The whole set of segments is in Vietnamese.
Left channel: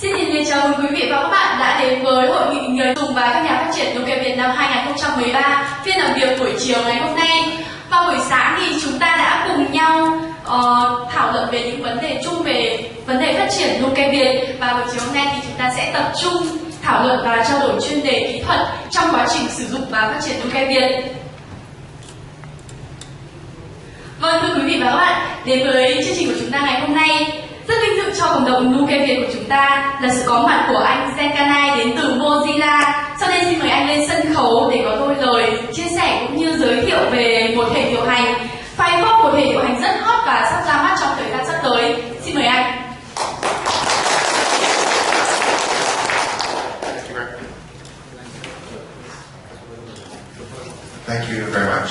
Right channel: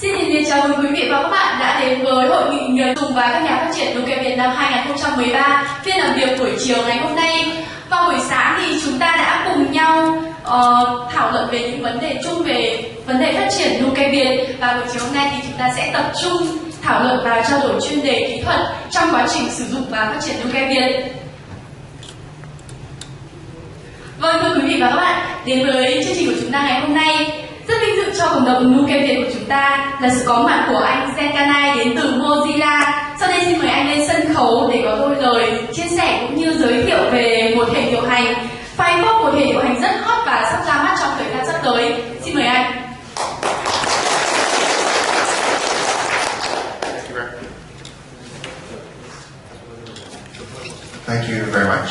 Xin nhiệt liệt chào mừng quý vị và các bạn đã đến với hội nghị người dùng và các nhà phát triển NukeViet năm 2013, phiên làm việc buổi chiều ngày hôm nay. Vào buổi sáng thì chúng ta đã cùng nhau thảo luận về những vấn đề chung về vấn đề phát triển NukeViet, và buổi chiều hôm nay thì chúng ta sẽ tập trung thảo luận và trao đổi chuyên đề kỹ thuật trong quá trình sử dụng và phát triển NukeViet. Vâng, thưa quý vị và các bạn, đến với chương trình của chúng ta ngày hôm nay, rất vinh dự cho cộng đồng NukeViet của chúng ta là sự có mặt của anh Kanai đến từ Mozilla. Sau đây xin mời anh lên sân khấu để có đôi lời chia sẻ cũng như giới thiệu về một hệ điều hành FireFox, một hệ điều hành rất hot và sắp ra mắt trong thời gian sắp tới. Xin mời anh. Thank you very much.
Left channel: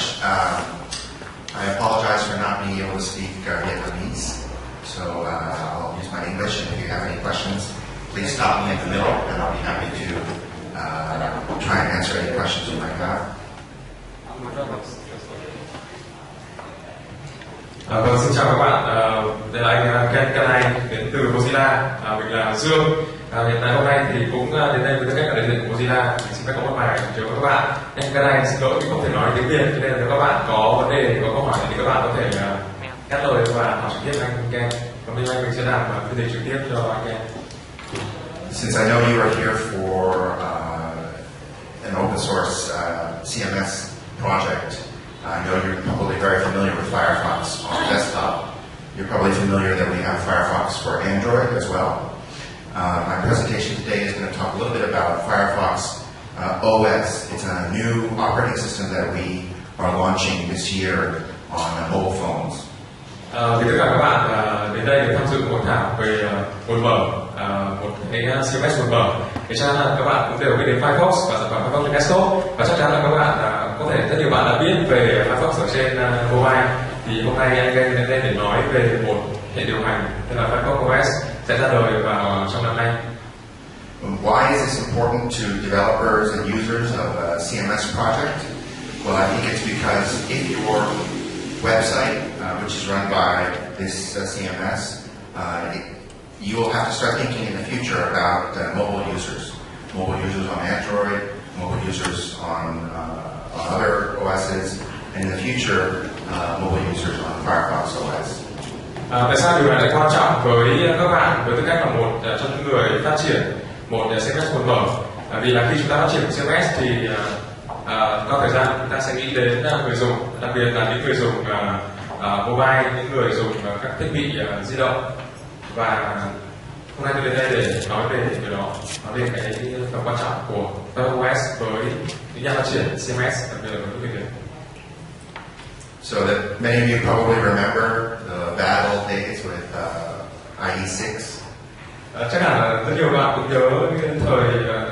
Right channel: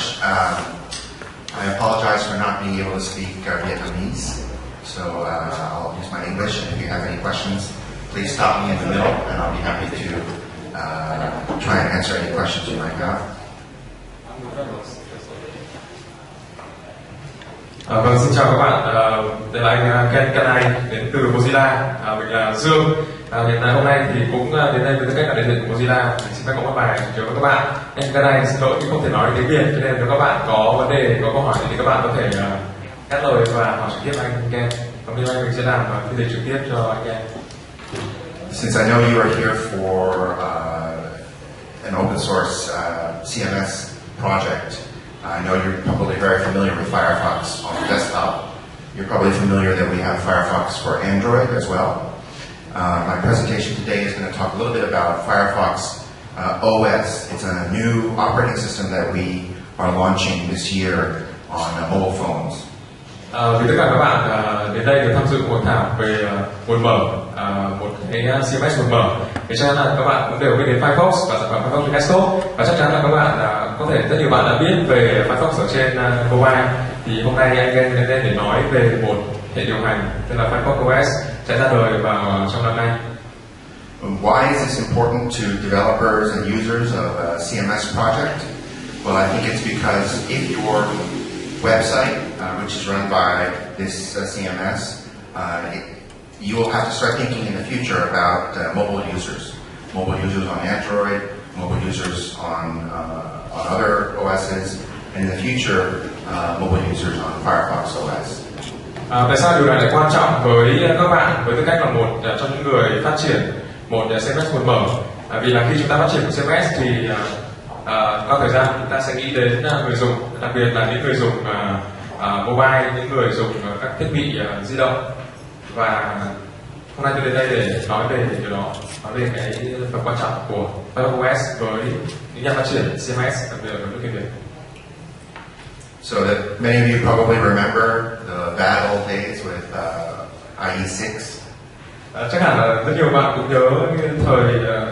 I apologize for not being able to speak Vietnamese, so I'll use my English. And if you have any questions, please stop me in the middle, and I'll be happy to try and answer any questions you might have. Vâng, xin chào các bạn. Đây là anh Kanai đến từ Mozilla. Mình là Dương. Hiện tại hôm nay thì cũng đến đây với tư cách là đại diện của Mozilla. Mình xin phép có một bài chào các bạn. Em Kanai xin lỗi vì không thể nói tiếng Việt, cho nên nếu các bạn có vấn đề, có câu hỏi thì các bạn có thể cắt lời và hỏi trực tiếp anh Ken. Còn bây giờ mình sẽ làm phiên dịch trực tiếp cho anh Ken. Since I know you are here for an open source CMS project, I know you're probably very familiar with FireFox on desktop. You're probably familiar that we have FireFox for Android as well. My presentation today is going to talk a little bit about FireFox OS. It's a new operating system that we are launching this year on mobile phones. Vì tất cả các bạn đến đây để tham dự hội thảo về nguồn mở, một cái CMS nguồn mở, thì chắc chắn là các bạn cũng đều biết đến FireFox và sản phẩm FireFox trên desktop, và chắc chắn là các bạn có thể rất nhiều bạn đã biết về FireFox ở trên mobile. Thì hôm nay anh đến đây để nói về một hệ điều hành tên là FireFox OS sẽ ra đời vào trong năm nay. Why is this important to developers and users of a CMS project? Well, I think it's because if your website, which is run by this CMS, you will have to start thinking in the future about mobile users on Android, mobile users on other OSs, and in the future, mobile users on FireFox OS. Tại sao điều này lại quan trọng với các bạn với tư cách là một trong những người phát triển một CMS nguồn mở? Vì là khi chúng ta phát triển một CMS thì qua thời gian chúng ta sẽ nghĩ đến người dùng, đặc biệt là những người dùng mobile, những người dùng các thiết bị di động. Và hôm nay tôi đến đây để nói về điều đó, nói về cái phần quan trọng của FireFox OS với những nhà phát triển CMS, đặc biệt là với NukeViet. So that many of you probably remember the bad old days with IE6. Chắc hẳn là rất nhiều bạn cũng nhớ những thời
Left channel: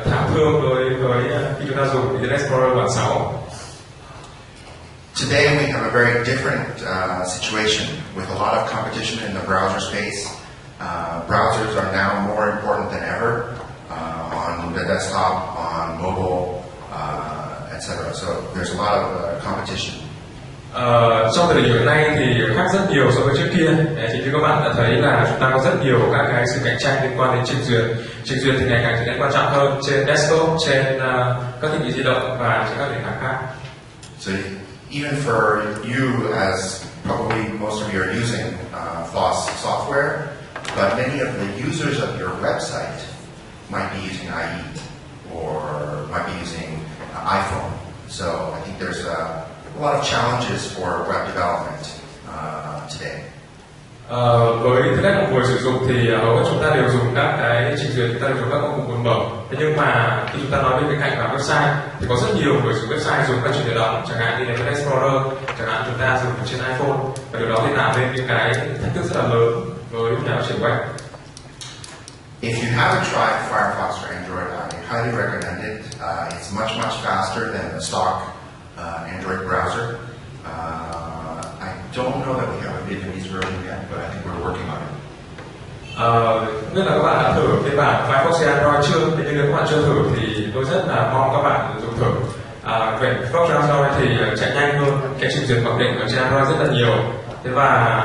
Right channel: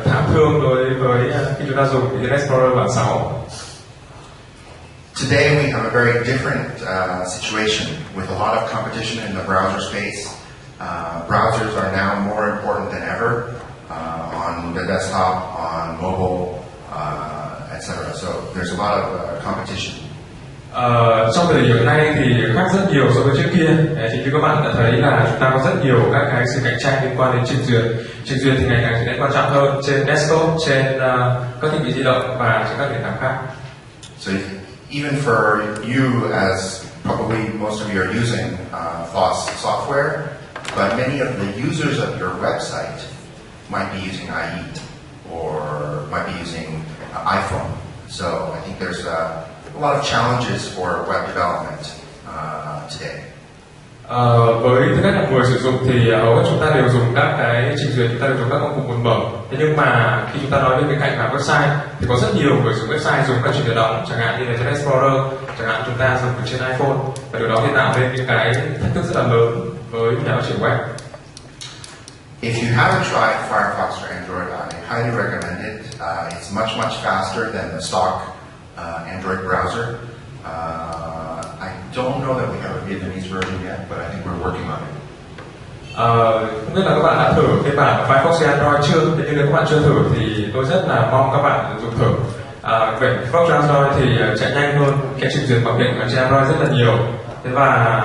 thảm thương đối với khi chúng ta dùng Internet Explorer bản 6. Today we have a very different situation with a lot of competition in the browser space. Browsers are now more important than ever on the desktop, on mobile, etc. So there's a lot of competition. Trong thời điểm hiện nay thì khác rất nhiều so với trước kia. Thì như các bạn đã thấy là chúng ta có rất nhiều các cái sự cạnh tranh liên quan đến trình duyệt. Trình duyệt thì ngày càng trở nên quan trọng hơn trên desktop, trên các thiết bị di động và trên các nền tảng khác. So even for you, as probably most of you are using FOSS software, but many of the users of your website might be using IE or might be using iPhone. So I think there's a lot of challenges for web development today. Với tư cách là người sử dụng thì hầu hết chúng ta đều dùng các cái trình duyệt, chúng ta đều dùng các công cụ nguồn mở. Thế nhưng mà khi chúng ta nói đến cái cạnh là website thì có rất nhiều người dùng website dùng các trình duyệt đóng, chẳng hạn như là Internet Explorer, chẳng hạn chúng ta dùng trên iPhone, và điều đó thì tạo nên những cái thách thức rất là lớn với nhà phát triển web. If you haven't tried FireFox for Android, I highly recommend it. It's much faster than the stock Android browser. I don't know that we have a Vietnamese version yet, but I think we're working on it. Không biết là các bạn đã thử phiên bản FireFox trên Android chưa? Nhưng nếu các bạn chưa thử thì tôi rất là mong các bạn dùng thử. Về FireFox trên Android thì chạy nhanh hơn cái trình duyệt mặc định ở trên Android rất là nhiều. Thế và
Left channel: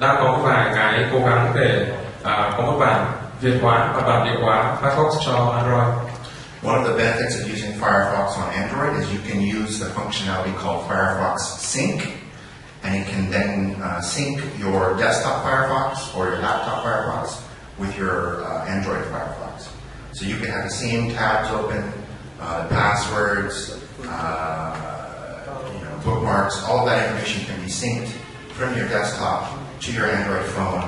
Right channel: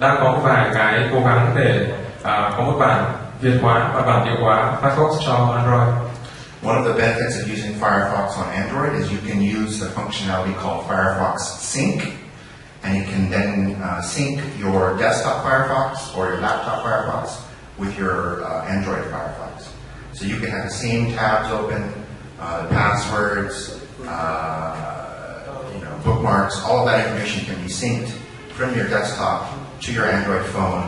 đang có một vài cái cố gắng để có một bản Việt hóa và bản địa hóa Firefox cho Android. One of the benefits of using Firefox on Android is you can use the functionality called Firefox Sync, and you can then sync your desktop Firefox or your laptop Firefox with your Android Firefox. So you can have the same tabs open, the passwords, bookmarks, all of that information can be synced from your desktop to your Android phone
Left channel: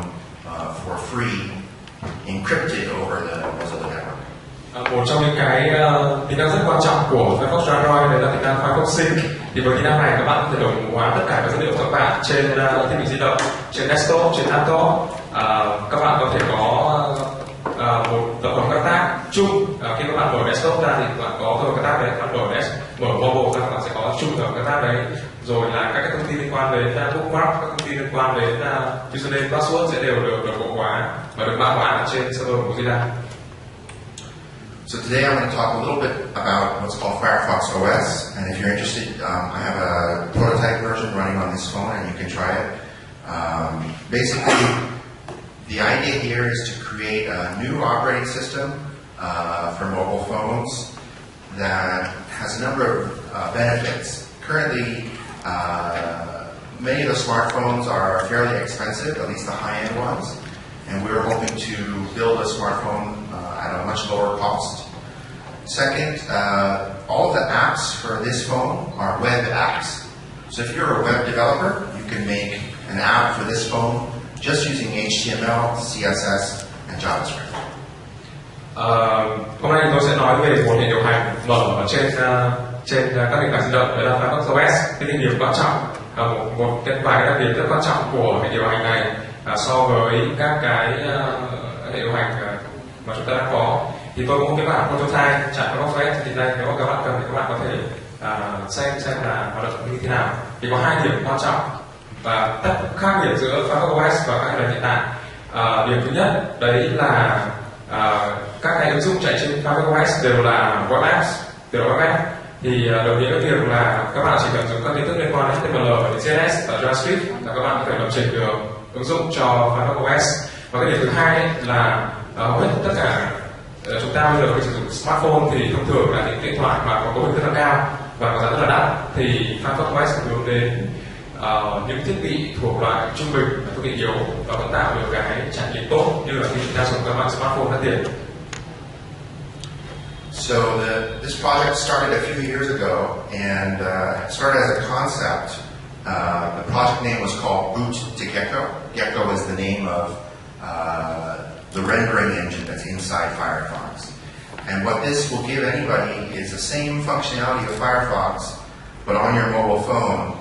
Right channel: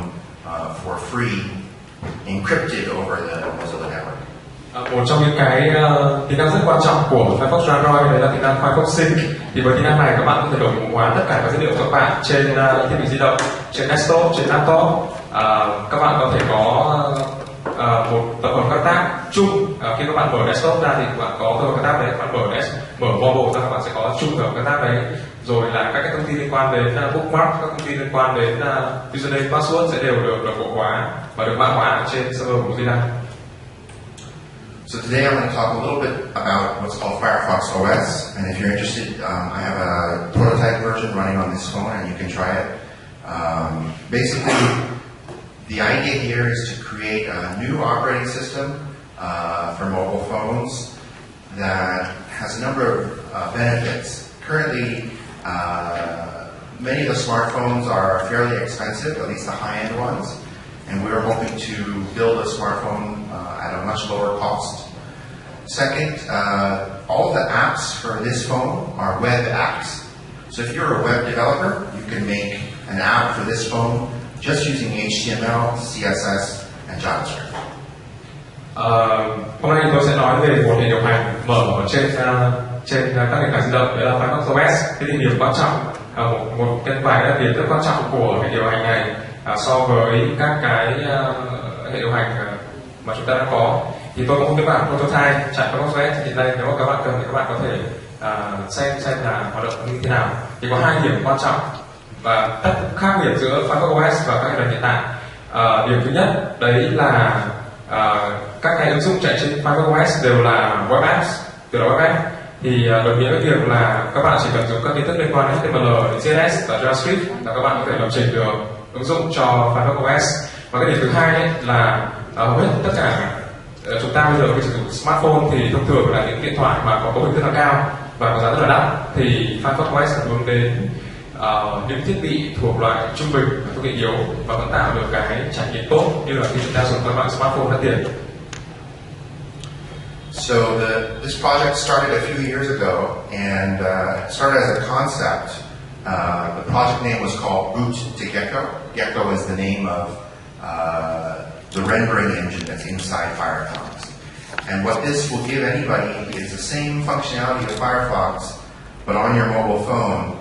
for free, encrypted over the Mozilla network. Một trong những cái tính năng rất quan trọng của Firefox cho Android đấy là tính năng Firefox Sync. Thì với tính năng này các bạn có thể đồng bộ hóa tất cả các dữ liệu của các bạn trên thiết bị di động, trên desktop, trên laptop. Các bạn có thể có một tập hợp các tab chung. Khi các bạn mở desktop ra thì các bạn có tập hợp các tab đấy. Các bạn mở mobile ra, các bạn sẽ có chung tập hợp các tab đấy. Rồi là các thông tin liên quan đến bookmark, các thông tin liên quan đến username, password sẽ đều được đồng bộ hóa và được mã hóa ở trên server của Mozilla. So today I'm going to talk a little bit about what's called FireFox OS, and if you're interested, I have a prototype version running on this phone, and you can try it. Basically, the idea here is to create a new operating system for mobile phones that has a number of benefits. Currently, many of the smartphones are fairly expensive, at least the high-end ones, and we're hoping to build a smartphone at a much lower cost. Second, all of the apps for this phone are web apps. So if you're a web developer, you can make an app for this phone just using HTML, CSS, and JavaScript. Hôm nay tôi sẽ nói về một hệ điều hành mở ở trên các nền tảng di động, đó là FireFox OS. Cái điểm quan trọng, một cái vài đặc điểm rất quan trọng của hệ điều hành này so với các cái hệ điều hành mà chúng ta đang có. Thì tôi có một cái bản prototype chạy FireFox OS thì đây, nếu mà các bạn cần thì các bạn có thể xem là hoạt động như thế nào. Thì có hai điểm quan trọng và tất khác biệt giữa FireFox OS và các hệ điều hiện tại. Điểm thứ nhất đấy là các cái ứng dụng chạy trên FireFox OS đều là web apps, thì đồng nghĩa với việc là các bạn chỉ cần dùng các kiến thức liên quan đến HTML, CSS và JavaScript là các bạn có thể lập trình được ứng dụng cho FireFox OS. Và cái điểm thứ hai ấy là hầu hết tất cả chúng ta bây giờ khi sử dụng smartphone thì thông thường là những điện thoại mà có cấu hình rất là cao và có giá rất là đắt, thì FireFox OS hướng đến những thiết bị thuộc loại trung bình, thuộc hệ yếu và vẫn tạo được cái trải nghiệm tốt như là khi chúng ta dùng các loại smartphone đắt tiền. So this project started a few years ago and started as a concept. The project name was called Boot to Gecko. Gecko is the name of the rendering engine that's inside Firefox. And what this will give anybody is the same functionality of Firefox, but on your mobile phone.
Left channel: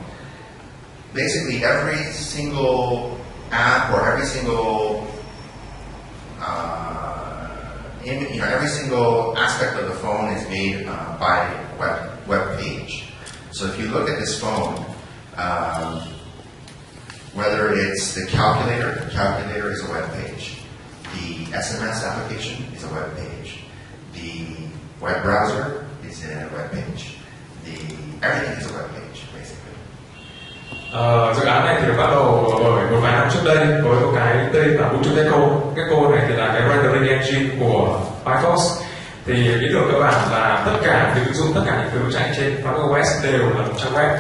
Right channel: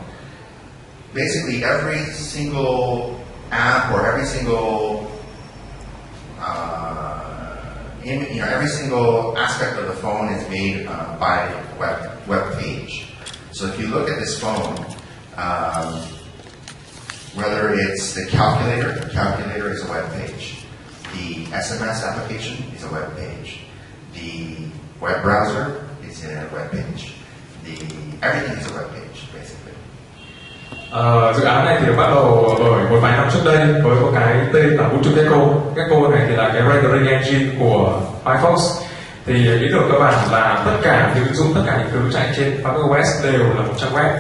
Basically, every single app or every single every single aspect of the phone is made by web page. So if you look at this phone, whether it's the calculator is a web page. The SMS application is a web page. The web browser is a web page. Everything is a web page, basically. Dự án này thì được bắt đầu bởi một vài năm trước đây với một cái tên là Boot to Gecko. Gecko này thì là cái rendering engine của Firefox. Thì ý tưởng cơ bản là tất cả những ứng dụng, tất cả những thứ chạy trên FireFox OS đều là một trang web.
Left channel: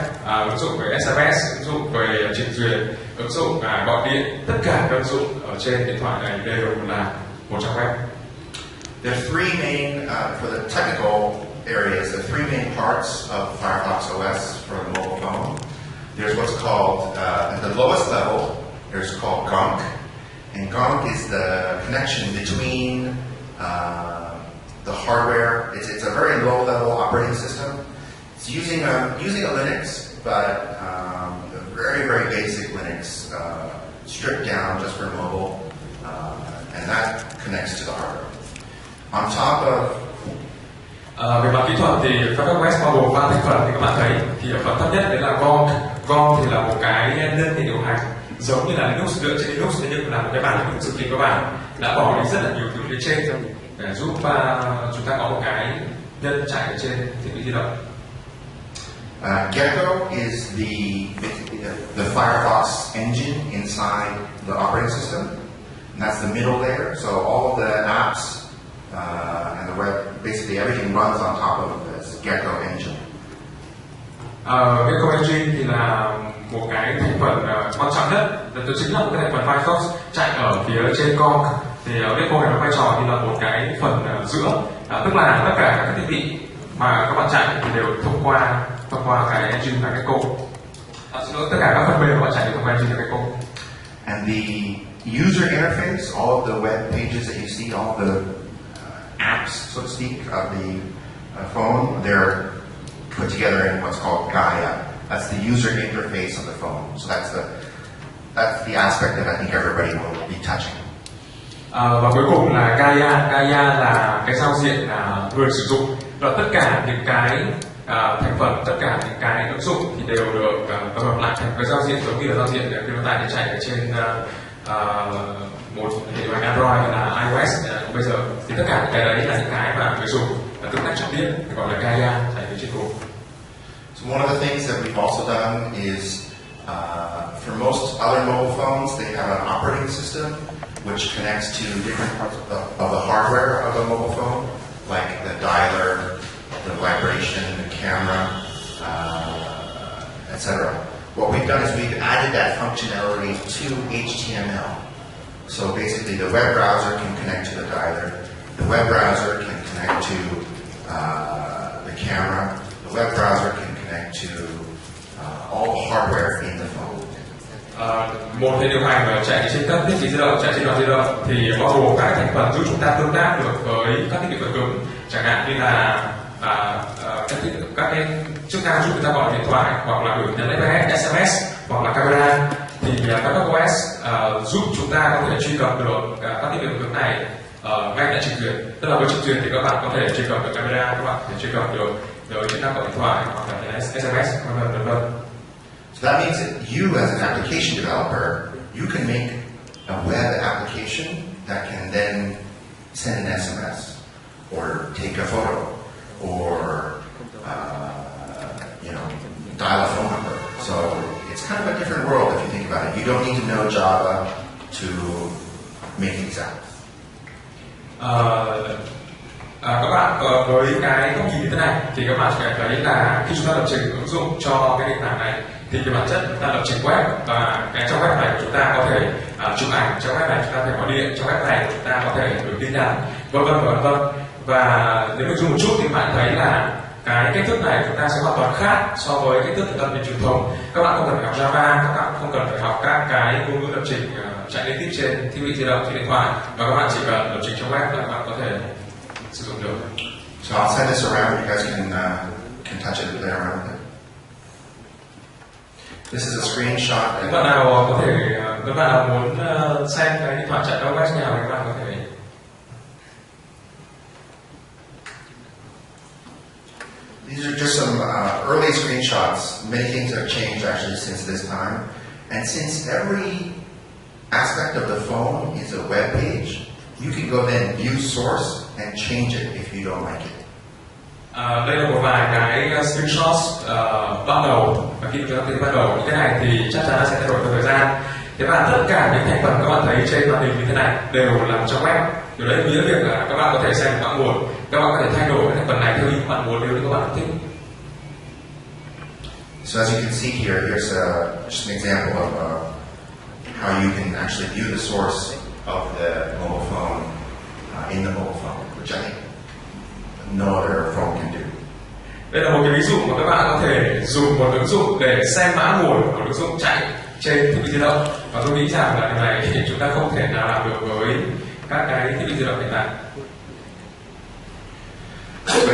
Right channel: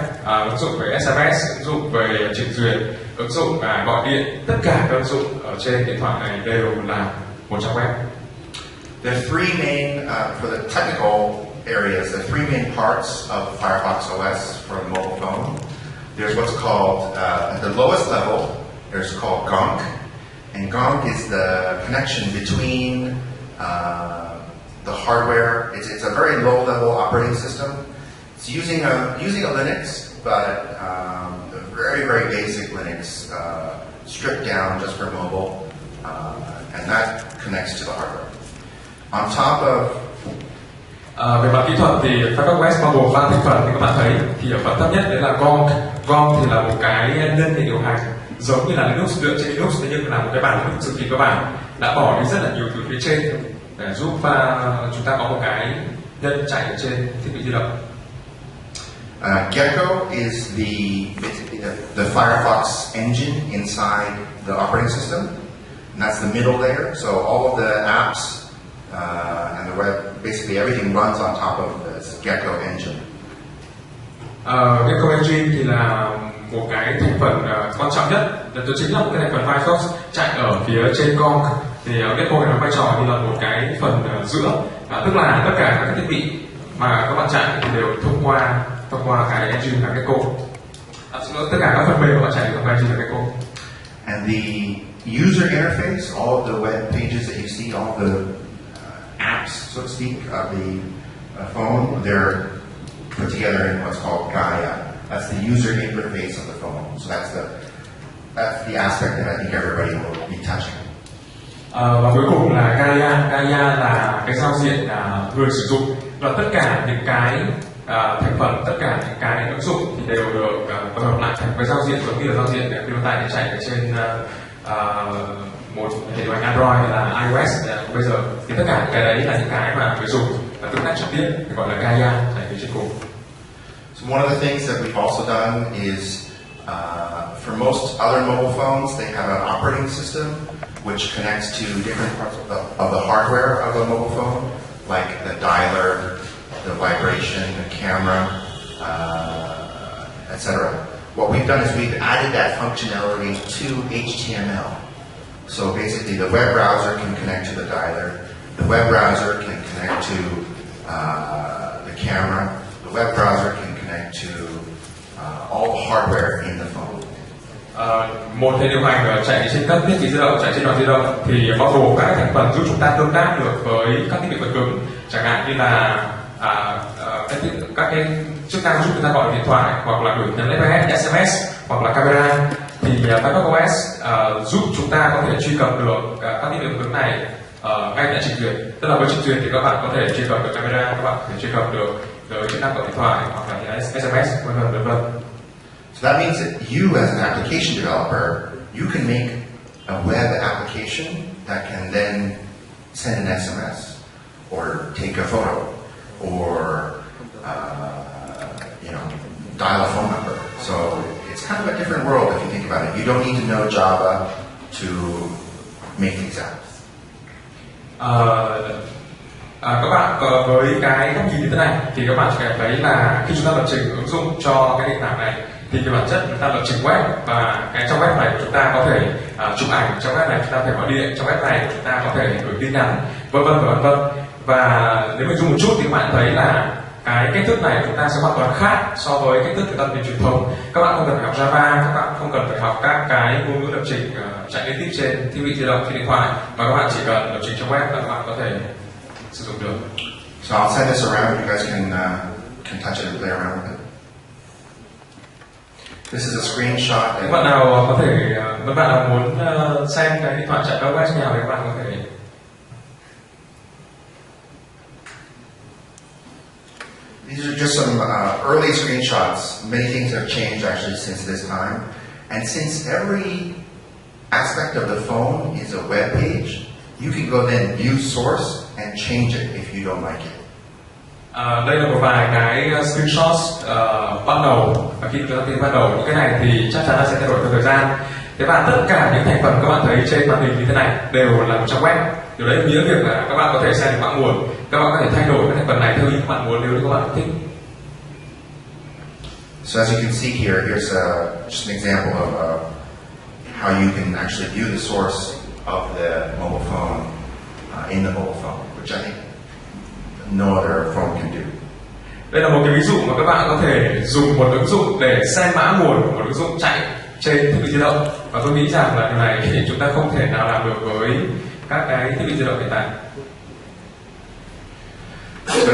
Ứng dụng về SMS, ứng dụng về trình duyệt, ứng dụng gọi điện, tất cả các ứng dụng ở trên điện thoại này đều là một trang web. There are three main, for the technical areas, the three main parts of Firefox OS for a mobile phone. There's what's called, at the lowest level, there's called GONC. And GONC is the connection between the hardware. It's a very low-level operating system. It's using a Linux, but a very, very basic Linux, stripped down just for mobile, and that connects to the hardware. On top of về mặt kỹ thuật thì FireFox OS bao gồm 3 thành phần như các bạn thấy. Thì ở phần thấp nhất đấy là GONC. GONC thì là một cái nhân hệ điều hành giống như là Linux, dựa trên Linux, thế nhưng là một cái bản Linux cực kỳ cơ bản, đã bỏ đi rất là nhiều thứ phía trên để giúp chúng ta có một cái nhân chạy ở trên thiết bị di động. Gecko is the Firefox engine inside the operating system. And that's the middle layer. So all of the apps and the web, basically everything runs on top of this Gecko engine. Gecko engine thì là một cái thành phần quan trọng nhất, là chính là một cái thành phần FireFox chạy ở phía trên Công. Thì Gecko này nó vai trò như là một cái phần giữa, tức là tất cả các thiết bị mà các bạn chạy thì đều thông qua cái engine là Gecko. Tất cả các phần mềm các bạn chạy thông qua engine là Gecko. And the user interface, all of the web pages that you see, all the apps, so to speak, of the phone, they're put together in what's called Gaia. That's the user interface of the phone. So that's the aspect that I think everybody will be touching. Và cuối cùng là Gaia. Gaia là cái giao diện người sử dụng, và tất cả những cái thành phần, tất cả những cái ứng dụng thì đều được tập hợp lại thành cái giao diện giống như là giao diện khi mà tại chạy ở trên một hệ điều hành Android là iOS bây giờ, thì tất cả những cái đấy là những cái mà người dùng tương tác trực tiếp, gọi là Gaia chạy ở trên cùng. So one of the things that we've also done is, for most other mobile phones, they have an operating system which connects to different parts of the hardware of a mobile phone, like the dialer, the vibration, the camera, etc. What we've done is we've added that functionality to HTML. So basically the web browser can connect to the dialer, the web browser can connect to the camera, the web browser can connect to all the hardware in the phone. Một hệ điều hành chạy trên các thiết bị di động, chạy trên đoạn di động thì bao gồm các thành phần giúp chúng ta tương tác được với các thiết bị vật cứng, chẳng hạn như là các cái chức năng giúp chúng ta gọi điện thoại, hoặc là gửi nhắn SMS, hoặc là camera. Thì FireFox OS giúp chúng ta có thể truy cập được các thiết bị vật cứng này ngay tại trình duyệt. Tức là với trình duyệt thì các bạn có thể truy cập được camera, các bạn có thể truy cập được chức năng gọi điện thoại hoặc là SMS, vân vân. So that means that you, as an application developer, you can make a web application that can then send an SMS, or take a photo, or dial a phone number. So it's kind of a different world if you think about it. You don't need to know Java to make these apps. Các bạn với cái góc nhìn như thế này thì các bạn sẽ thấy là khi chúng ta lập trình ứng dụng cho cái nền tảng này thì cái bản chất chúng ta lập trình web, và cái trong web này của chúng ta có thể chụp ảnh, trong web này chúng ta có thể gọi điện, trong web này chúng ta có thể gửi tin nhắn, vân vân. Và nếu mình zoom một chút thì các bạn thấy là cái cách thức này chúng ta sẽ hoàn toàn khác so với cách thức chúng ta lập trình truyền thống. Các bạn không cần phải học Java, các bạn không cần phải học các cái ngôn ngữ lập trình chạy liên tiếp trên thiết bị di động, trên điện thoại, và các bạn chỉ cần lập trình trong web là các bạn có thể sử dụng được. So I'll send this around. You guys can touch it and play around with it. This is a screenshot. Các bạn nào có thể, các bạn nào muốn xem cái điện thoại chạy web nào thì các bạn có thể. These are just some early screenshots. Many things have changed actually since this time. And since every aspect of the phone is a web page, you can go then view source and change it if you don't like it. Đây là một vài cái screenshots ban đầu, và khi chúng ta thấy ban đầu những cái này thì chắc chắn là sẽ thay đổi theo thời gian. Thế và tất cả những thành phần các bạn thấy trên màn hình như thế này đều là một trang web. Điều đấy nghĩa việc là các bạn có thể xem được mã nguồn, các bạn có thể thay đổi cái thành phần này theo ý các bạn muốn nếu như các bạn thích. So as you can see here, here's just an example of how you can actually view the source of the mobile phone in the mobile phone, which I think no other phone can do. Đây là một cái ví dụ mà các bạn có thể dùng một ứng dụng để xem mã nguồn của một ứng dụng chạy trên thiết bị di động, và tôi nghĩ rằng là điều này thì chúng ta không thể nào làm được với các cái thiết bị di động hiện tại. So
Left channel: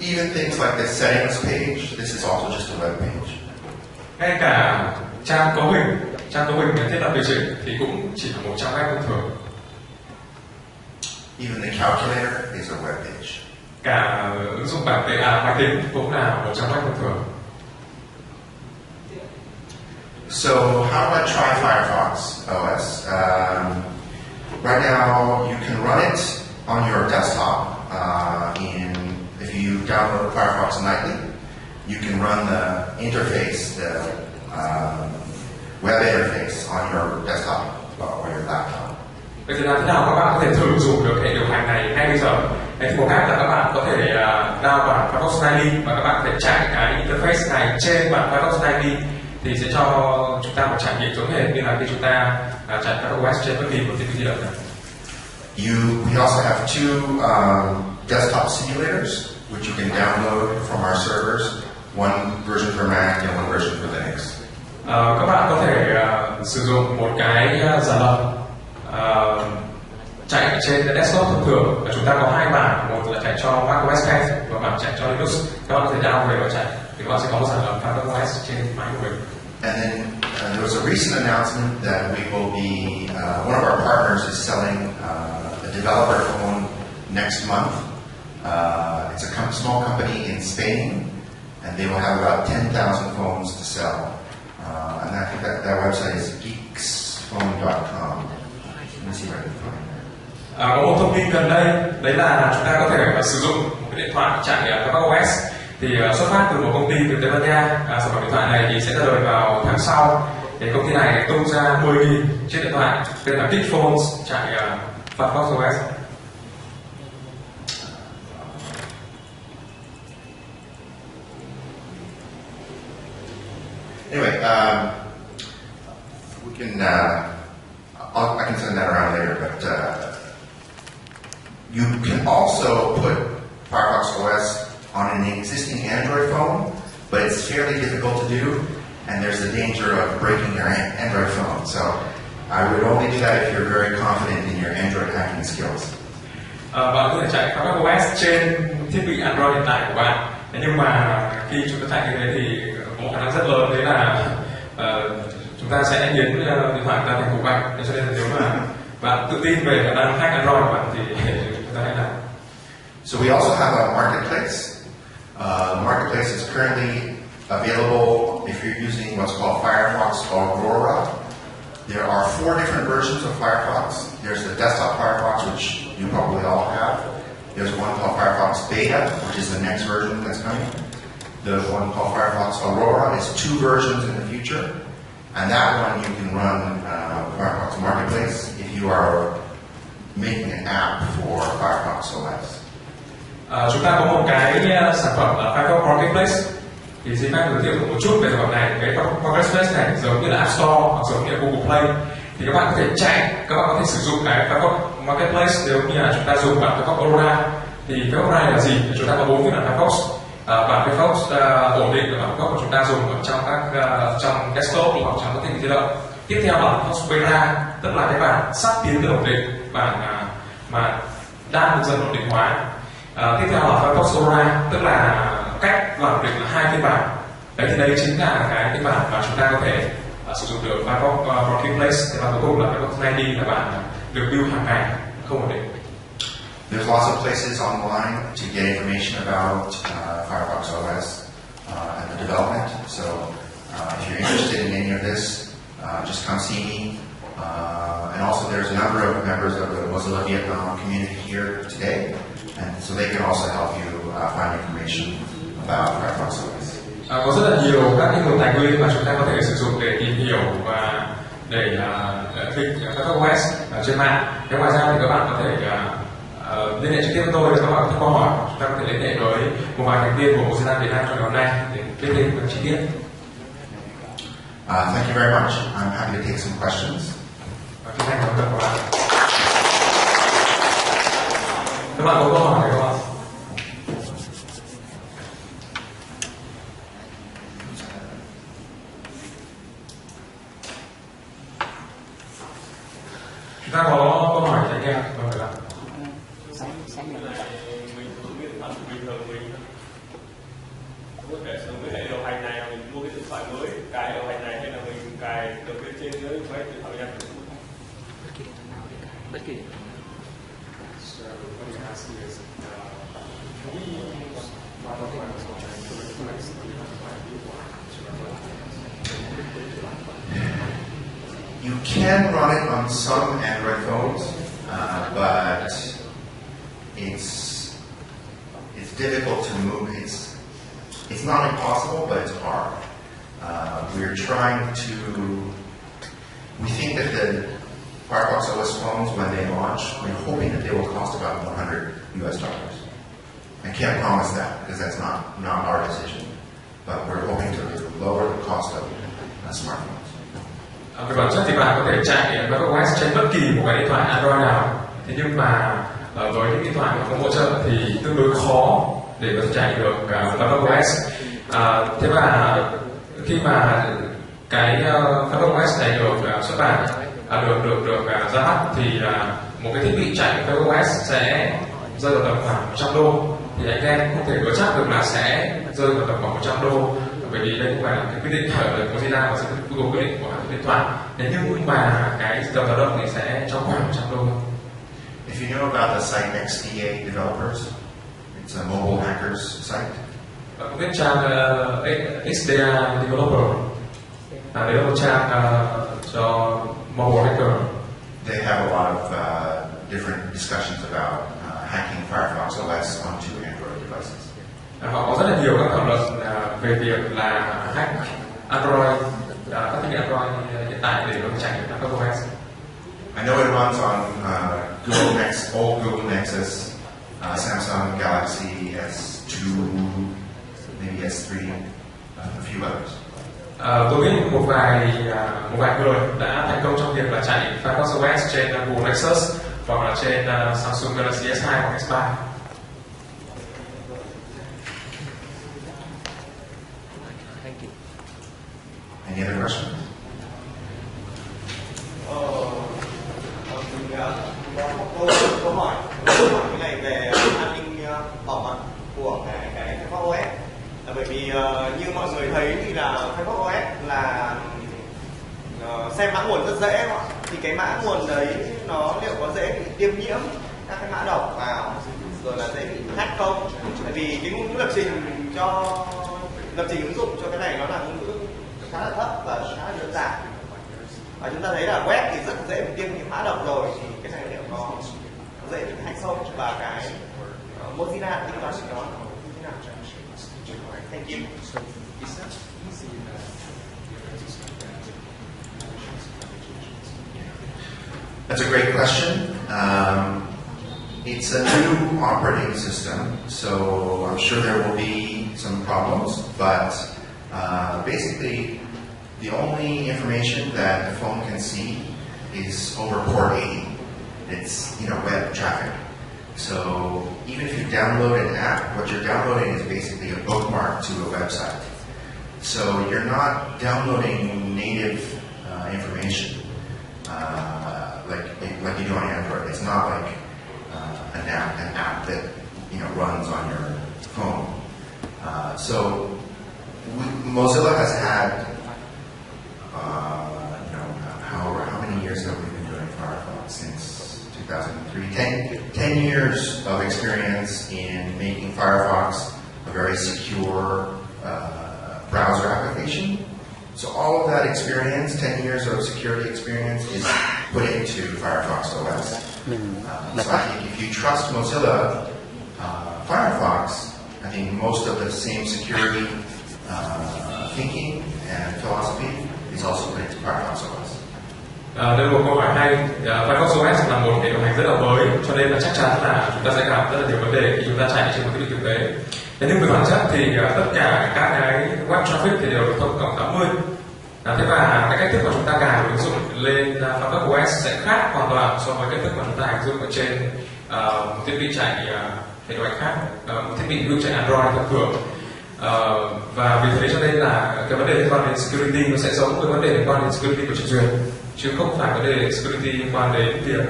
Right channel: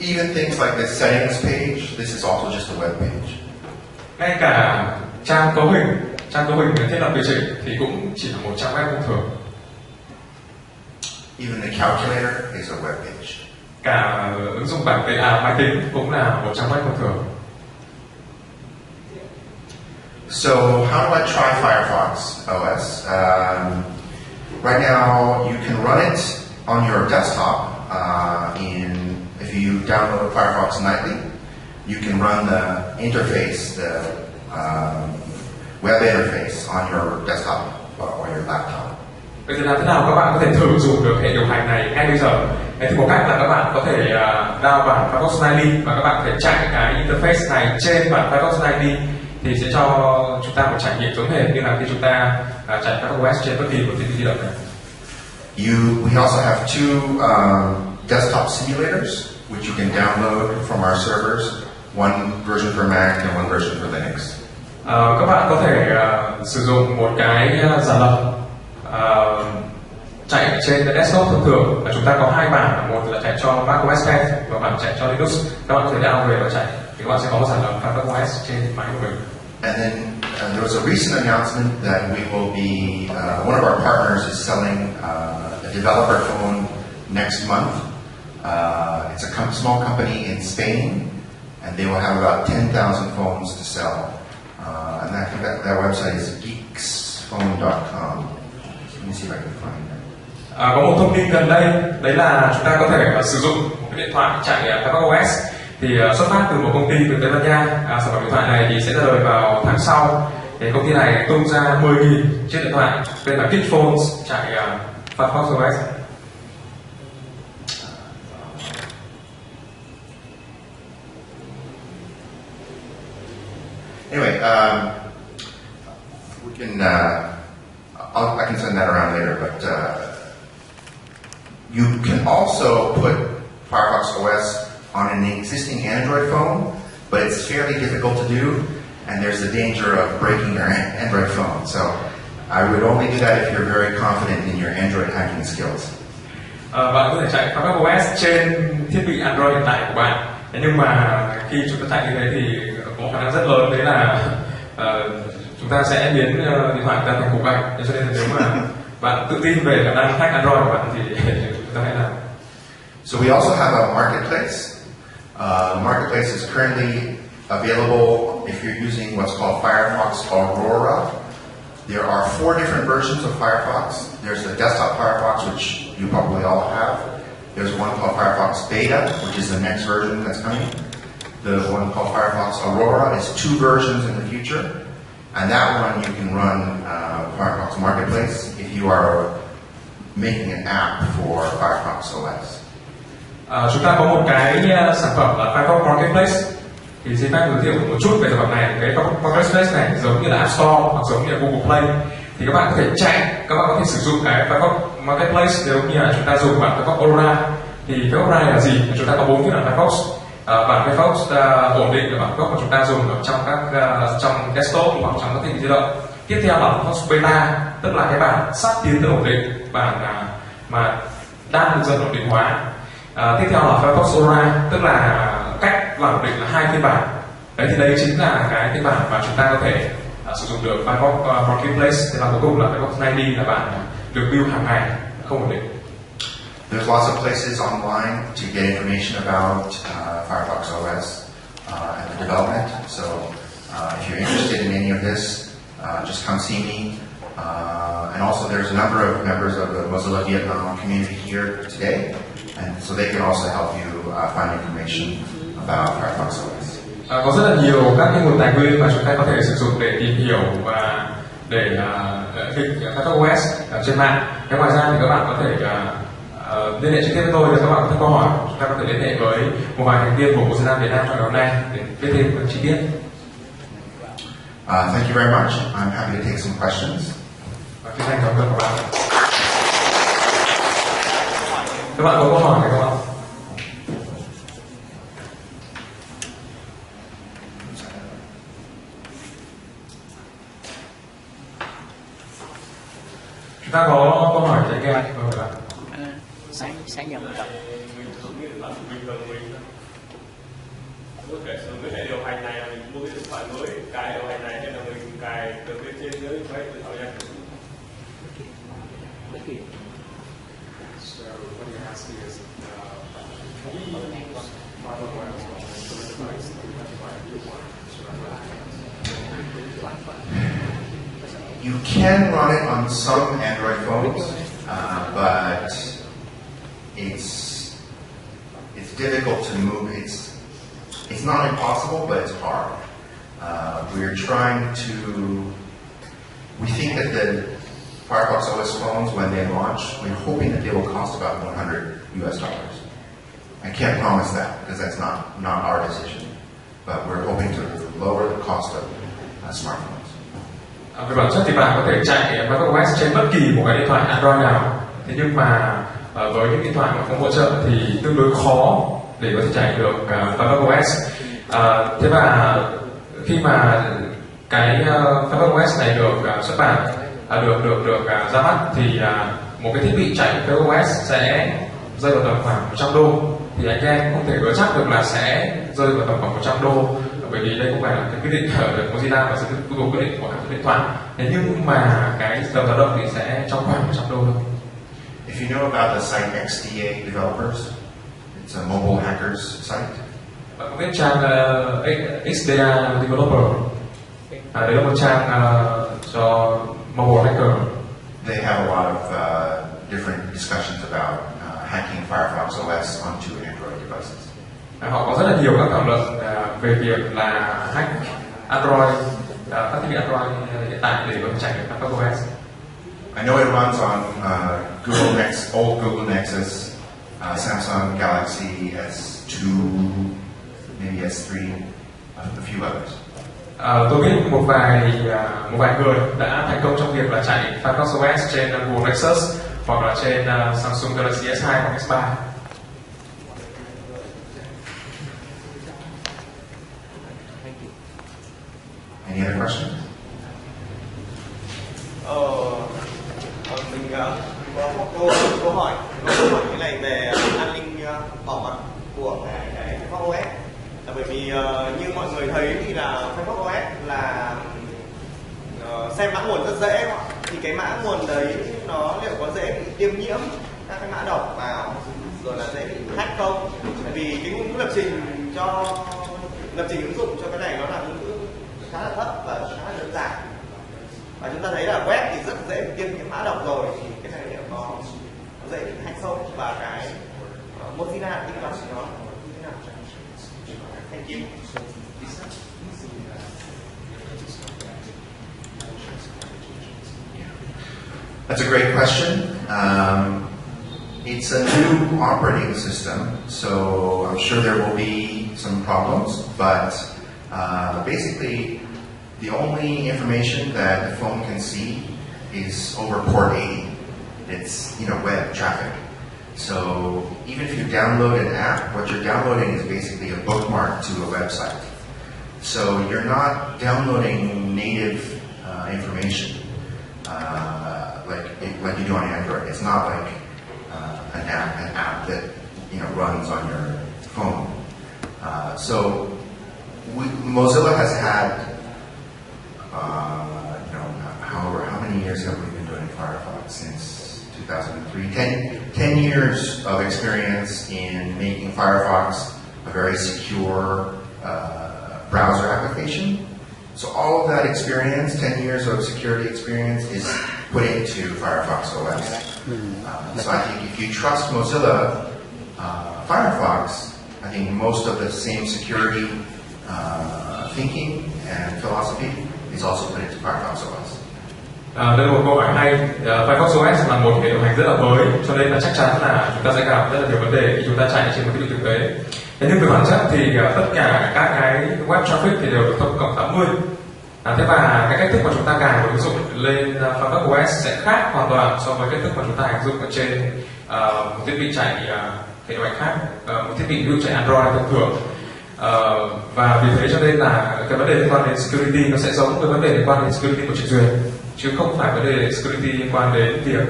even things like the settings page, this is also just a web page. Ngay cả trang cấu hình thiết lập điều chỉnh thì cũng chỉ là một trang web thông thường. Even the calculator is a web page. Cả ứng dụng máy tính cũng là một trang web thông thường. So how do I try FireFox OS? Right now, you can run it on your desktop. If you download FireFox nightly, you can run the interface, the web interface on your desktop or your laptop. Vậy thì làm thế nào các bạn có thể thử dùng được hệ điều hành này ngay bây giờ? Thì một cách là các bạn có thể download bản FireFox ID và các bạn có thể chạy cái interface này trên bản FireFox ID thì sẽ cho chúng ta một trải nghiệm giống hệt như là khi chúng ta chạy FireFox OS trên bất kỳ một thiết bị di động này. We also have two desktop simulators which you can download from our servers, one version for Mac and one version for Linux. Các bạn có thể sử dụng một cái giả lập chạy trên desktop thông thường, và chúng ta có hai bản, một là chạy cho macOS X và bản chạy cho Linux. Các bạn có thể download về và chạy thì các bạn sẽ có một sản phẩm FireFox OS trên máy của mình. And then there was a recent announcement that we will be one of our partners is selling a developer phone next month. It's a small company in Spain, and they will have about 10,000 phones to sell. And I think that website is geeksphone.com. Let me see if I can find that. Có một thông tin gần đây, đấy là chúng ta có thể sử dụng một cái điện thoại chạy FireFox OS thì xuất phát từ một công ty từ Tây Ban Nha. Sản phẩm điện thoại này thì sẽ ra đời vào tháng sau. Thì công ty này tung ra 10.000 chiếc điện thoại tên là Geekphones chạy FireFox OS. Anyway, we can. I can send that around later, but you can also put FireFox OS on an existing Android phone, but it's fairly difficult to do, and there's the danger of breaking your Android phone. So I would only do that if you're very confident in your Android hacking skills. Bạn có thể chạy FireFox OS trên thiết bị Android hiện tại của bạn. Nhưng mà khi chúng ta chạy như thế thì có khả năng rất lớn đấy là chúng ta sẽ biến điện thoại ra thành cục gạch. Cho nên là nếu mà bạn tự tin về khả năng hack Android của bạn thì chúng ta hãy làm. So we also have a marketplace. The marketplace is currently available if you're using what's called FireFox Aurora. There are 4 different versions of Firefox. There's the desktop Firefox, which you probably all have. There's one called FireFox Beta, which is the next version that's coming. The one called FireFox Aurora is 2 versions in the future. And that one you can run Firefox Marketplace if you are making an app for Firefox OS. Chúng ta có một cái sản phẩm là FireFox Marketplace. Thì xin phép giới thiệu một chút về sản phẩm này. Cái Marketplace này giống như là App Store hoặc giống như là Google Play. Thì các bạn có thể chạy, các bạn có thể sử dụng cái FireFox Marketplace nếu như là chúng ta dùng bản FireFox Aurora. Thì FireFox Aurora là gì? Chúng ta có 4 phiên bản FireFox. Bản FireFox ổn định là bản FireFox mà chúng ta dùng ở trong các trong desktop hoặc trong các thiết bị di động. Tiếp theo là FireFox Beta, tức là cái bản sắp tiến tới ổn định, bản mà đang được dần ổn định hóa. Tiếp theo là FireFox Aurora, tức là cách làm ổn định là 2 phiên bản. Đấy thì đây chính là cái phiên bản mà chúng ta có thể sử dụng được FireFox Marketplace. Thì bản cuối cùng là FireFox ID là bản được build hàng ngày, không ổn định. There's lots of places online to get information about Firefox OS and the development. So if you're interested in any of this, just come see me. And also there's a number of members of the Mozilla Vietnam community here today, and so they can also help you find information about Firefox OS. Có rất là nhiều các cái nguồn tài nguyên mà chúng ta có thể sử dụng để tìm hiểu và để fix FireFox OS trên mạng. Ngoài ra thì các bạn có thể liên hệ trực tiếp với tôi để các bạn có câu hỏi. Chúng ta có thể liên hệ với một vài thành viên của Mozilla Việt Nam trong ngày hôm nay để biết thêm các chi tiết. Thank you very much. I'm happy to take some questions. Chân thành cảm ơn các bạn. Các bạn có câu hỏi này không ạ? Chúng ta có câu hỏi trái kia không các bạn? Sáng giờ mình không biết bản bình thường mình có thể sử dụng cái hệ điều hành này, mình mua cái điện thoại mới cài điều hành này, hay là mình cài từ bên trên dưới máy điện thoại ra. bất kỳ. So what you're asking is, can we use FireFox to replace the new one? You can run it on some Android phones, but it's difficult to move. It's not impossible, but it's hard. We're trying to. We think that Firefox OS phones, when they launch, we're hoping that they will cost about $100 US. I can't promise that because that's not our decision, but we're hoping to lower the cost of smartphones. Về bản chất thì bạn có thể chạy FireFox OS trên bất kỳ một cái điện thoại Android nào. Thế nhưng mà với những điện thoại mà không hỗ trợ thì tương đối khó để có thể chạy được FireFox OS. Thế và khi mà cái FireFox OS này được xuất bản, được ra mắt thì một cái thiết bị chạy FireFox OS sẽ rơi vào tầm khoảng 100 đô. Thì anh em không thể hứa chắc được là sẽ rơi vào tầm khoảng 100 đô, bởi vì đây không phải là cái quyết định ở Mozilla mà sẽ có quyết định của hãng điện thoại. Thế nhưng mà cái tầm dao động thì sẽ trong khoảng 100 đô. If you know about the site XDA Developers, it's a mobile hackers site. Bạn có biết trang XDA Developer? Đấy là một trang cho mobile hacker. They have a lot of different discussions about hacking Firefox OS onto Android devices. Họ có rất là nhiều các thảo luận về việc là hack Android, các thiết bị Android hiện tại để có thể chạy được các OS. I know it runs on Google old Google Nexus, Samsung Galaxy S2, maybe S3, a few others. Tôi biết một vài người đã thành công trong việc là chạy FireFox OS trên Google Nexus hoặc là trên Samsung Galaxy S2 hoặc S3. Any other questions? Mình có một câu hỏi cái này về an ninh bảo mật của cái FireFox OS. Là bởi vì như mọi người thấy thì là FireFox OS là xem mã nguồn rất dễ đúng không? Thì cái mã nguồn đấy nó liệu có dễ bị tiêm nhiễm các cái mã độc vào, rồi là dễ bị hack không? Tại vì cái ngôn ngữ lập trình ứng dụng cho cái này nó là ngôn ngữ khá là thấp và khá là đơn giản. Và chúng ta thấy là web thì rất dễ bị tiêm nhiễm mã độc rồi, thì cái này liệu nó dễ bị hack không, và cái Mozilla tính toán nó như thế nào? Thank you. That's a great question. It's a new operating system, so I'm sure there will be some problems, but basically the only information that the phone can see is over port 80. It's web traffic. So even if you download an app, what you're downloading is basically a bookmark to a website. So you're not downloading native information like you do on Android. It's not like an app that runs on your phone. So Mozilla has had how many years have we been doing Firefox? Since 2003. 10 years of experience in making Firefox a very secure browser application. So all of that experience, 10 years of security experience, is put into Firefox OS. So I think if you trust Mozilla Firefox, I think most of the same security thinking and philosophy is also put into Firefox OS. Đây là một câu hỏi hay. FireFox OS là một hệ điều hành rất là mới, cho nên là chắc chắn là chúng ta sẽ gặp rất là nhiều vấn đề khi chúng ta chạy trên một cái định thực tế. Thế nhưng về bản chất thì tất cả các cái web traffic thì đều được thông cộng 80. Thế và cái cách thức mà chúng ta cài và ứng dụng lên FireFox OS sẽ khác hoàn toàn so với cách thức mà chúng ta ứng dụng ở trên một thiết bị chạy hệ điều hành khác, một thiết bị ví dụ chạy Android thông thường. Và vì thế cho nên là cái vấn đề liên quan đến security nó sẽ giống với vấn đề liên quan đến security của trình duyệt, chứ không phải vấn đề security liên quan đến việc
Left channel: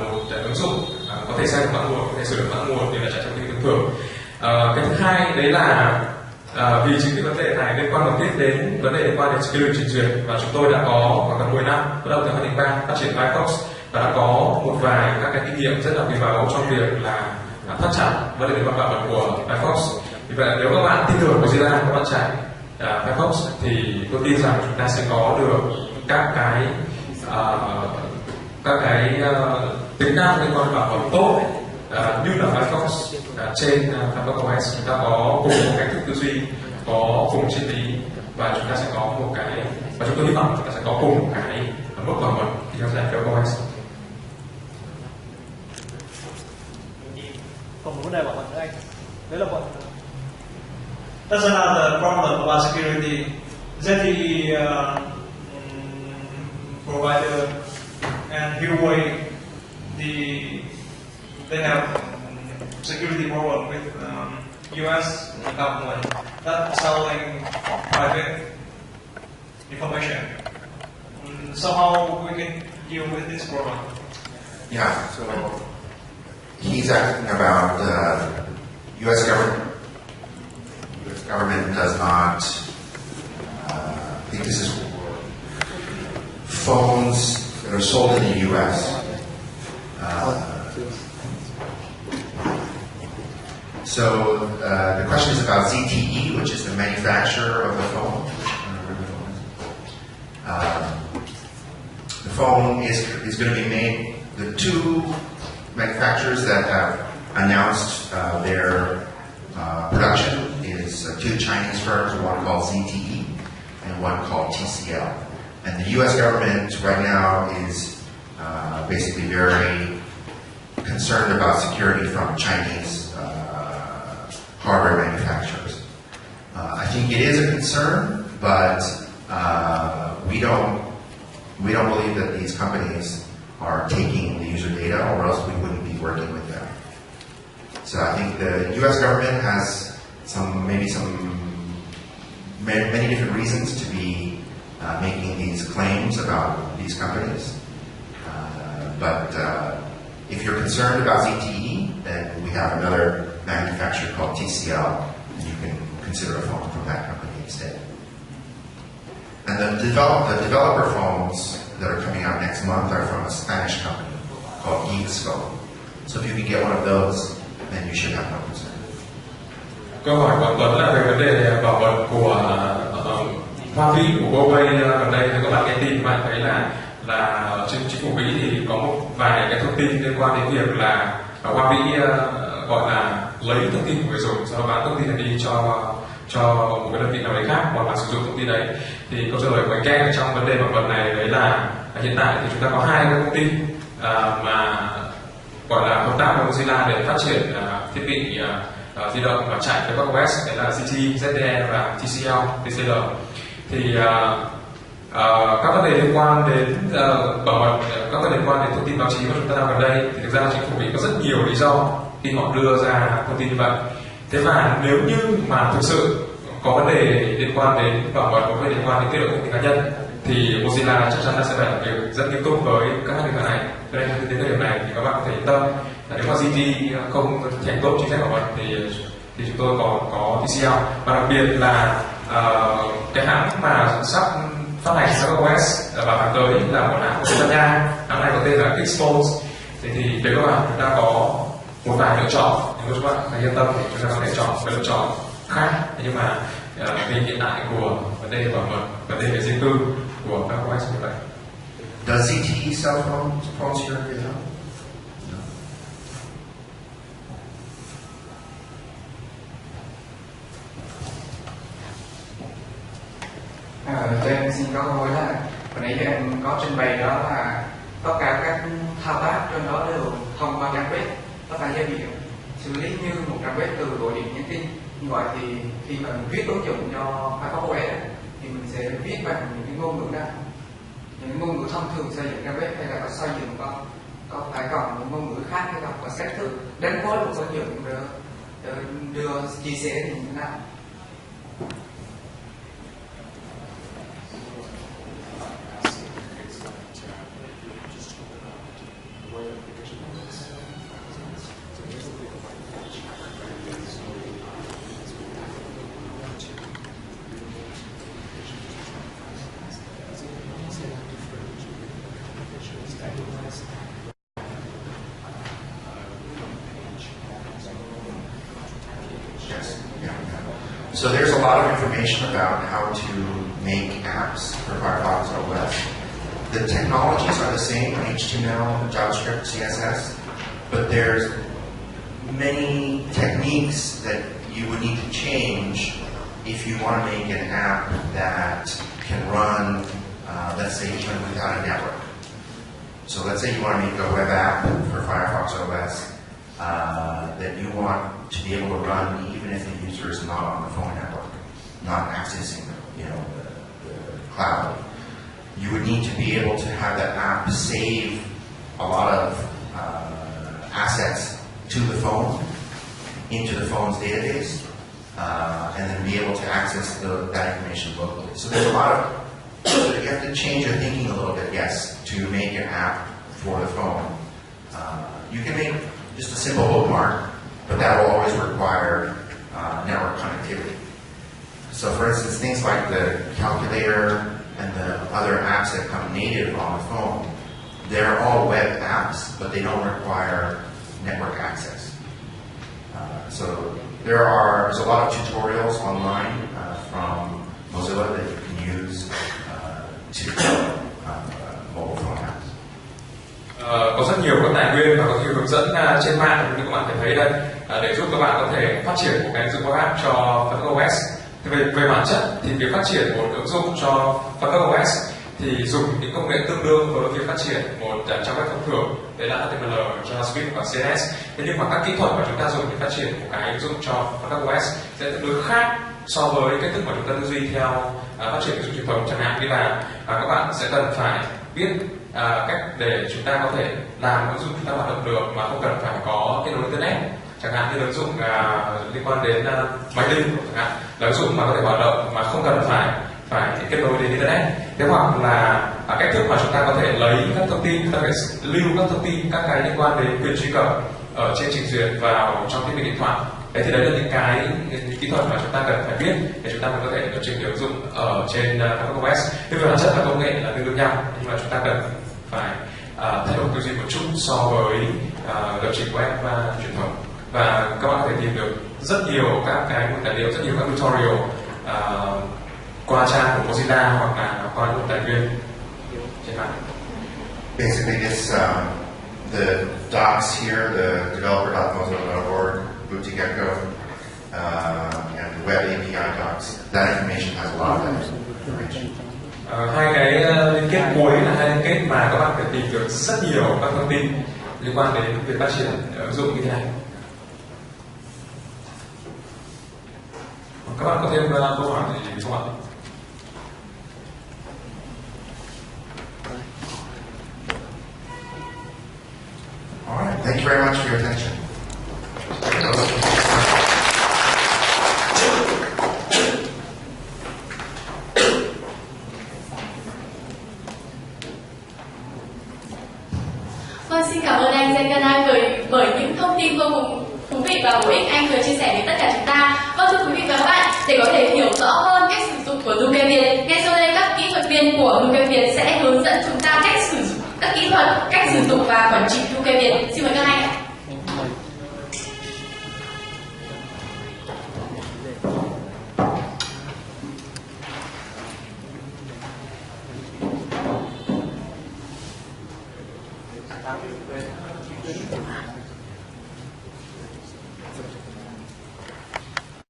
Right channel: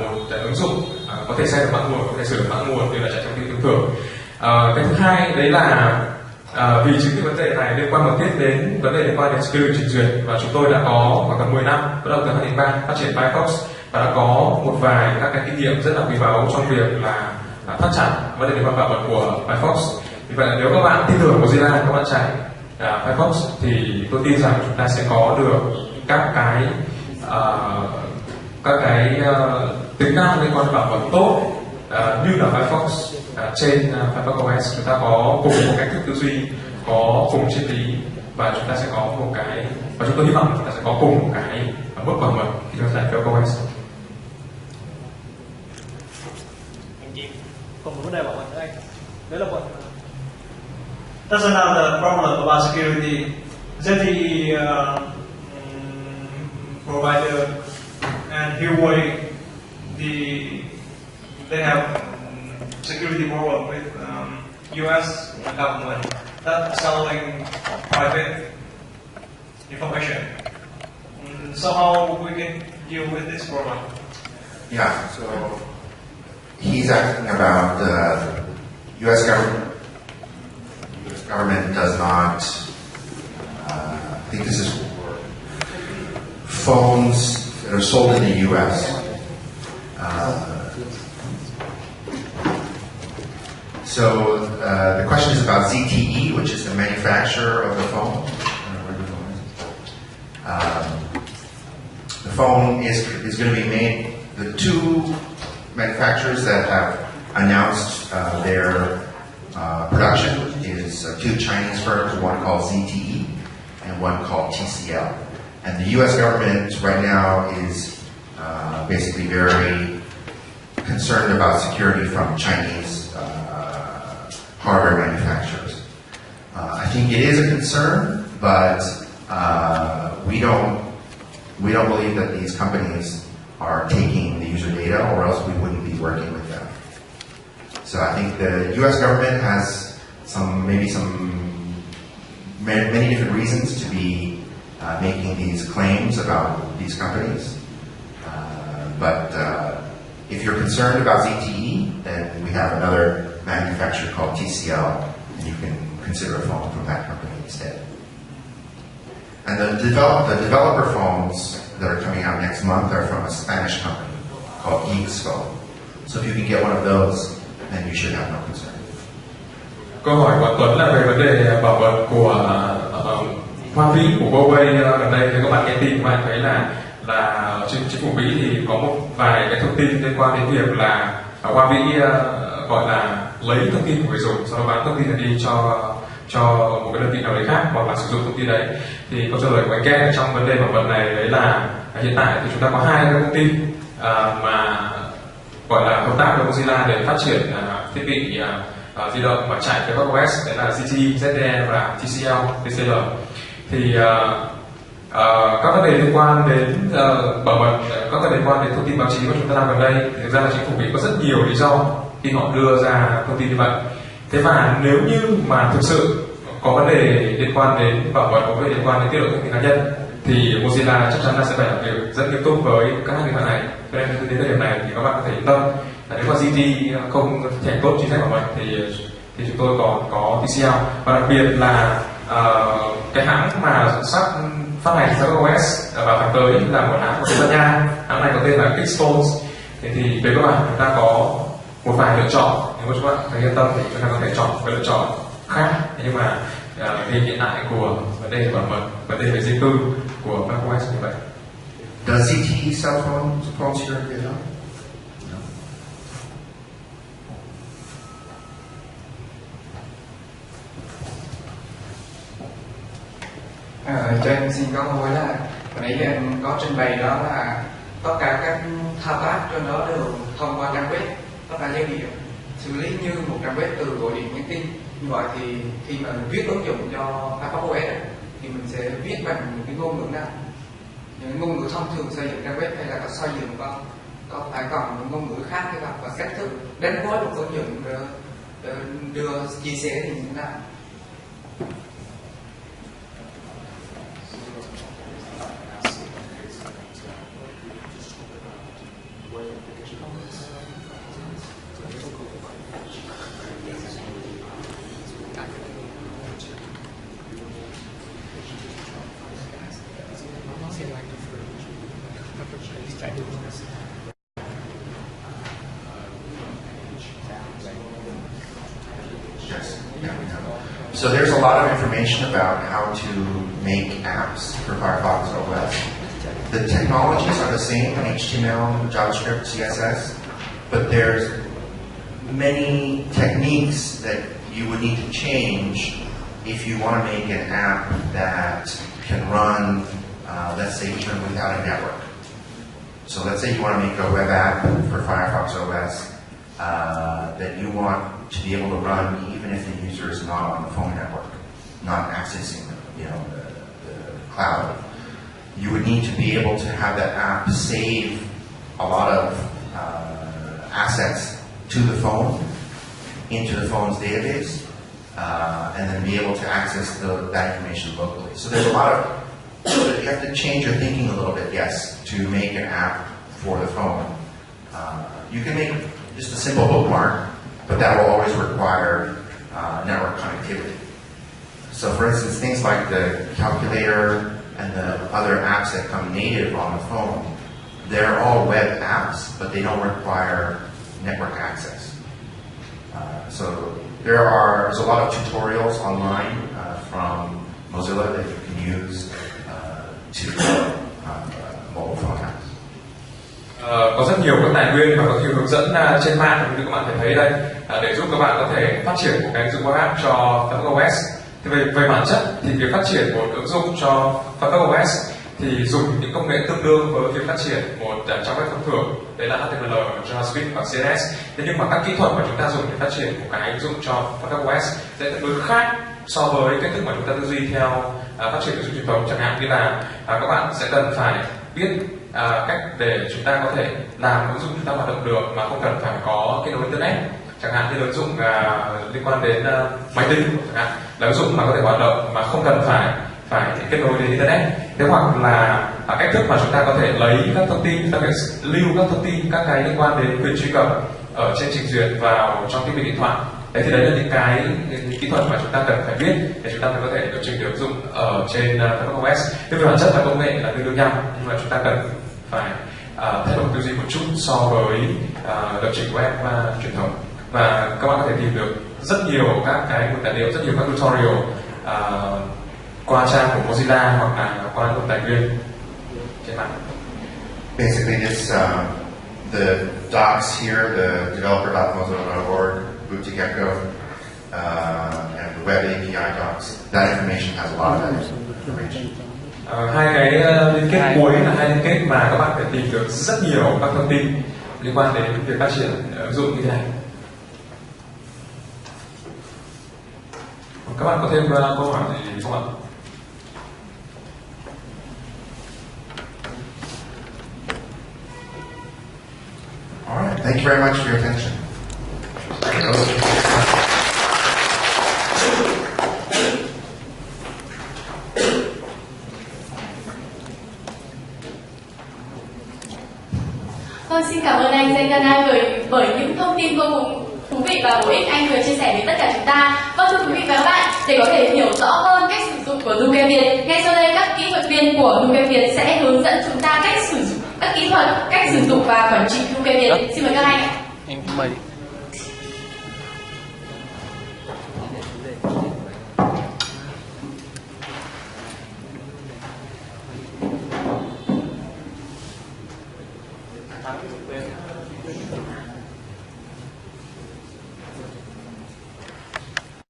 một ứng dụng có thể xem được mã nguồn, có thể sửa được mã nguồn như là chạy trong thiết bị thông thường. Cái thứ hai đấy là vì chính cái vấn đề này liên quan mật thiết đến vấn đề liên quan đến security trình duyệt, và chúng tôi đã có khoảng gần 10 năm bắt đầu từ 2003 phát triển FireFox và đã có một vài các cái kinh nghiệm rất là quý báu trong việc là thắt chặt vấn đề liên quan bảo mật của FireFox. Vì vậy nếu các bạn tin tưởng Mozilla, các bạn chạy FireFox thì tôi tin rằng chúng ta sẽ có được các cái tính năng liên quan bảo mật tốt như là FireFox. Trên FireFox OS chúng ta có cùng một cách thức tư duy, có cùng triết lý, và chúng ta sẽ có một cái, và chúng tôi hy vọng chúng ta sẽ có cùng một cái mức bảo mật khi chúng ta chạy FireFox OS. Đấy là bọn That's another problem about security. ZTE provider and iWay, they have security problem with U.S. government that selling private information. So how we can deal with this problem? Yeah, so he's asking about the U.S. government. U.S. government does not, I think this is for phones that are sold in the U.S. So the question is about ZTE, which is the manufacturer of the phone. The phone is going to be made. The two manufacturers that have announced their production is two Chinese firms, one called ZTE and one called TCL. And the U.S. government right now is basically very concerned about security from Chinese hardware manufacturers. I think it is a concern, but we don't believe that these companies are taking the user data, or else we wouldn't be working with them. So I think the U.S. government has many different reasons to be making these claims about these companies. But if you're concerned about ZTE, then we have another manufacturer called TCL, and you can consider a phone from that company instead. And the developer phones that are coming out next month are from a Spanish company called Phone. So if you can get one of those, then you should have no concern. Câu hỏi của Tuấn là về vấn đề bảo mật của Hoa Vĩ của Huawei gần đây. Thì các bạn nghe tin các bạn thấy là chính phủ Mỹ thì có một vài cái thông tin liên quan đến việc là Hoa Vĩ gọi là lấy thông tin của người dùng, sau đó bán thông tin này đi cho một cái đơn vị nào đấy khác, hoặc là sử dụng thông tin đấy. Thì câu trả lời của anh Ken trong vấn đề bảo mật này đấy là hiện tại thì chúng ta có hai cái công ty mà gọi là hợp tác với Mozilla để phát triển thiết bị di động và chạy FireFox OS, đấy là ZTE, ZTE và TCL. Thì các vấn đề liên quan đến bảo mật, các vấn đề liên quan đến thông tin báo chí mà chúng ta làm gần đây, thì thực ra là chính phủ Mỹ có rất nhiều lý do khi họ đưa ra thông tin như vậy. Thế và nếu như mà thực sự có vấn đề liên quan đến bảo mật, có vấn đề liên quan đến tiết lộ thông tin cá nhân, thì Mozilla chắc chắn là sẽ phải làm việc rất nghiêm túc với các hãng điện thoại này. Cho nên đến thời điểm này thì các bạn có thể yên tâm là nếu mà ZTE không thực hiện tốt chính sách bảo mật thì chúng tôi có TCL, và đặc biệt là cái hãng mà sắp phát hành FireFox OS vào tháng tới là một hãng của Tây Ban Nha. Hãng này có tên là Clip. Thì về các bạn chúng ta có một vài lựa chọn, nhưng mà các bạn phải yên tâm thì chúng ta có thể chọn một cái lựa chọn khác. Nhưng mà hình hiện tại của vấn đề bảo mật, vấn đề về riêng tư của FireFox OS như vậy. Does ZTE sell phones here in Vietnam? Cho em xin có câu hỏi là hồi nãy giờ em có trình bày đó là tất cả các thao tác trên đó đều thông qua trang web, tất cả giao diện xử lý như một trang web từ gọi điện nhắn tin. Như vậy thì khi mà mình viết ứng dụng cho FireFox OS thì mình sẽ viết bằng những cái ngôn ngữ nào, những ngôn ngữ thông thường xây dựng trang web, hay là có xây dựng có phải còn những ngôn ngữ khác hay không, và cách thức đánh phối một ứng dụng đưa chia sẻ thì như thế nào? So there's a lot of information about how to make apps for FireFox OS. The technologies are the same, HTML, JavaScript, CSS, but there's many techniques that you would need to change if you want to make an app that can run, let's say, even without a network. So let's say you want to make a web app for FireFox OS that you want to be able to run even if the user is not on the phone network, not accessing, you know, the cloud. You would need to be able to have that app save a lot of assets to the phone, into the phone's database, and then be able to access that information locally. So there's a lot of, you have to change your thinking a little bit, yes, to make an app for the phone. You can make just a simple bookmark, but that will always require network connectivity. So for instance, things like the calculator and the other apps that come native on the phone, they're all web apps, but they don't require network access. So there's a lot of tutorials online from Mozilla that you can use to develop mobile phone apps. Có rất nhiều các tài nguyên và có nhiều hướng dẫn trên mạng như các bạn thấy đây để giúp các bạn có thể phát triển một cái ứng dụng web app cho FireFox OS. Thì về bản chất thì việc phát triển một ứng dụng cho FireFox OS thì dùng những công nghệ tương đương với việc phát triển một trang web thông thường, đấy là HTML, JavaScript và CSS. Thế nhưng mà các kỹ thuật mà chúng ta dùng để phát triển một cái ứng dụng cho FireFox OS sẽ tương đối khác so với cách thức mà chúng ta tư duy theo phát triển ứng dụng truyền thống. Chẳng hạn như là các bạn sẽ cần phải biết cách để chúng ta có thể làm ứng dụng chúng ta hoạt động được mà không cần phải có kết nối internet. Chẳng hạn như là ứng dụng liên quan đến máy tính, chẳng hạn là ứng dụng mà có thể hoạt động mà không cần phải kết nối đến internet. Thế hoặc là cách thức mà chúng ta có thể lấy các thông tin, chúng ta có thể lưu các thông tin, các cái liên quan đến quyền truy cập ở trên trình duyệt vào trong thiết bị điện thoại. Đấy thì đấy là những cái kỹ thuật mà chúng ta cần phải biết để chúng ta mới có thể điều chỉnh được ứng dụng ở trên FireFox OS. Thế về bản chất là công nghệ là tương đương nhau, nhưng mà chúng ta cần phải thay đổi tư duy một chút so với lập trình web truyền thống. Và các bạn có thể tìm được rất nhiều các cái nguồn tài liệu, rất nhiều các tutorial qua trang của Mozilla hoặc là qua những tài nguyên trên mạng. Basically, it's the docs here, the developer.mozilla.org, boot2gecko, and the web API docs. That information has a lot of that information. Hai cái liên kết cuối là hai liên kết mà các bạn phải tìm được rất nhiều các thông tin liên quan đến việc phát triển ứng dụng như thế này. Các bạn có thêm câu hỏi gì không ạ? All right, thank you very much for your attention. Vâng, xin cảm ơn anh Dân Kanai bởi những thông tin vô cùng thú vị và bổ ích anh vừa chia sẻ với tất cả chúng ta. Vâng, thưa quý vị và các bạn, để có thể hiểu rõ hơn cách sử dụng của NukeViet, ngay sau đây các kỹ thuật viên của NukeViet sẽ hướng dẫn chúng ta cách sử dụng các kỹ thuật, cách sử dụng và quản trị NukeViet. Xin mời các anh ạ.